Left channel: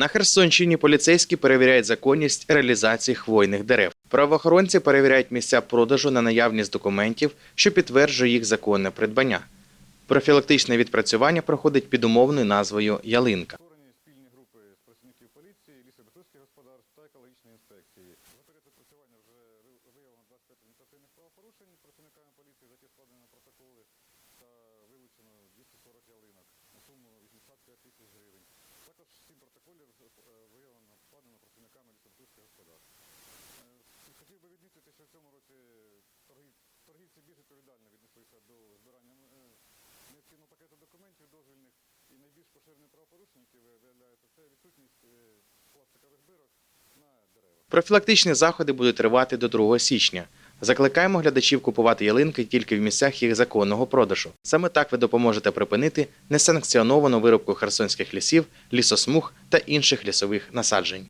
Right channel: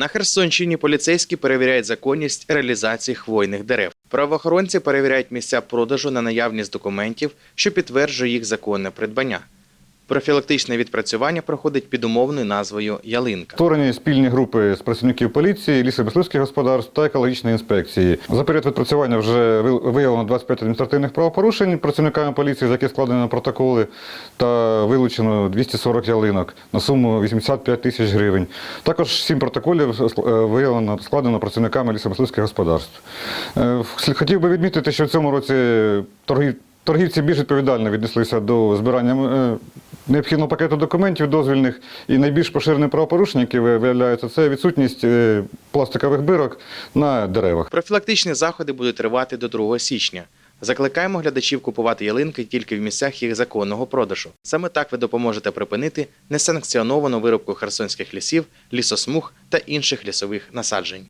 На Херсонщині поліцейські перевіряють законність реалізації хвойних дерев. Правоохоронці перевіряють місця продажу на наявність документів, що підтверджує їх законне придбання. Профілактичне відпрацювання проходить під умовною назвою Ялинка. Створені спільні групи з працівників поліції, лісомисливських господарств та екологічної інспекції. За період відпрацювання вже ви- виявлено 25 адміністративних правопорушень працівниками поліції, за які складено протоколи, та вилучено 240 ялинок на суму 85 тисяч гривень. Також 7 протоколів е, виявлено складено працівниками лісомисливських господарств. Е, Хотів би відмітити, що в цьому році торгів- торгівці більш відповідально віднеслися до збирання. Необхідного пакету документів дозвільних і найбільш поширене правопорушення, яке виявляється, це відсутність е, пластикових бирок на деревах. Профілактичні заходи будуть тривати до 2 січня. Закликаємо глядачів купувати ялинки тільки в місцях їх законного продажу. Саме так ви допоможете припинити несанкціоновану вирубку херсонських лісів, лісосмуг та інших лісових насаджень.